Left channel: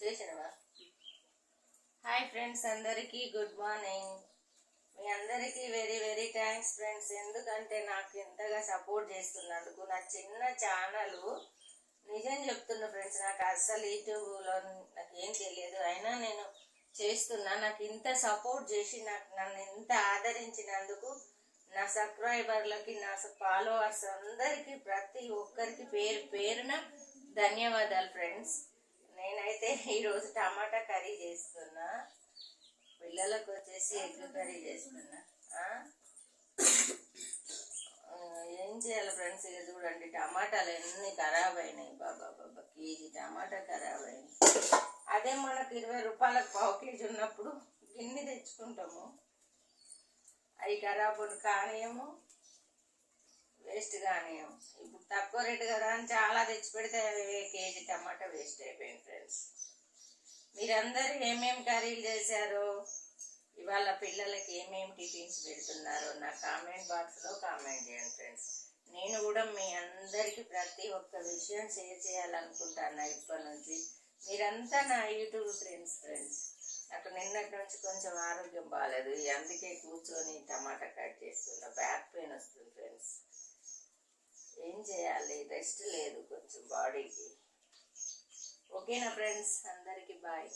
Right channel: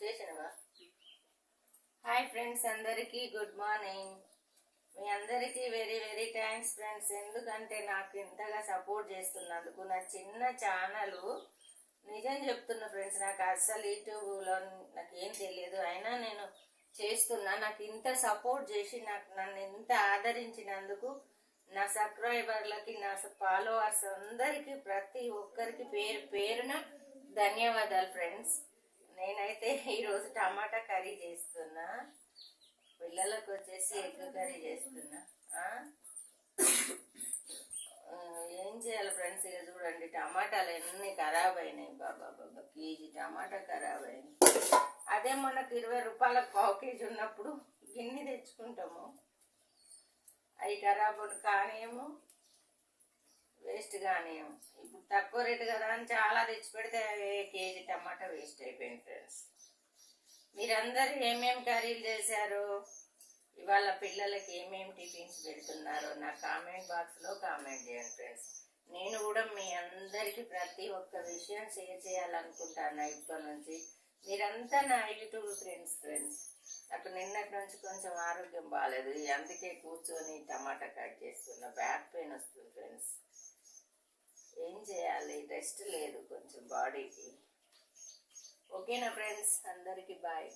చేసినవా? Hi friends, అందరికీ good morning. మీ అందరికీ వెరీ వెరీ థ్యాంక్స్ ఫ్రెండ్స్. ఎందుకంటే నాకు ఇంతగా సపోర్ట్ చేస్తున్నందుకు. నా చిన్న ఛానల్, నిజం చెప్తున్నా ఫ్రెండ్స్, నాకు అస్సలు యూట్యూబ్లో నాకేం తెలియదు, అయినా నేను చేస్తున్నా. నాకు ఇంత సపోర్ట్ చేసి నన్ను ఇంత ఆదరించినందుకు నా సబ్స్క్రైబర్లకి, నా ఫాలోవర్స్ అందరికీ, ప్రతి ఒక్కరికి పేరు పేరున ధన్యవాదాలు ఫ్రెండ్స్. నేనైతే ఈరోజు టమాటా కర్రీ చేస్తున్నా, పిల్లలకు వచ్చేసి ఎగ్ కర్రీ చేస్తున్నా. ఏం చేయాలి ఫ్రెండ్స్, ఇక చూడండి టమాటాలు ఎన్ని ఖరాబ్ అయినాయి. బాబా కేజీ టమాటా ఖరాబ్ అయింది. అదే మనకు 20 రూపాయలకు పావు కేజీ ఉన్నప్పుడు గిన్నె తెచ్చుకుంటాము, అవి ఖరాబ్ కానియేమో, వేస్ట్ కానియేమో. ఇప్పుడు తక్కువ రేటు కదా అని చాలా తెచ్చి పెడితే కేజీ టమాటా వేస్ట్ అయిపోయింది ఫ్రెండ్స్. మీరందరూ ఏమేమి కర్రీలు చేశారో, ఇవాళ పిల్లలకి ఏమేమి టిఫిన్స్ పెడుతున్నారో నా కామెంట్ బాక్స్లో కామెంట్ చేయండి ఫ్రెండ్స్. నేను కూడా మీ అందరికీ ప్రతి ఒక్క విషయం షేర్ చేయాలనుకుంటాను ఇప్పటి నుంచి. మీరంతా నా యూట్యూబ్ ఫ్రెండ్స్. నాకు నిన్నటి నుంచి కొంచెం ఆరోగ్యం బాగాలేదు, అందుకే కూర్చొని టమాటా కట్ చేస్తున్నా. బ్యాక్ పెయిన్ వస్తుంది ఫ్రెండ్స్, ఏం చేయాలి, రెస్ట్ లేదు కొంచెం బాడీకి. ఓకేనా ఫ్రెండ్స్, అందరికీ బాయ్.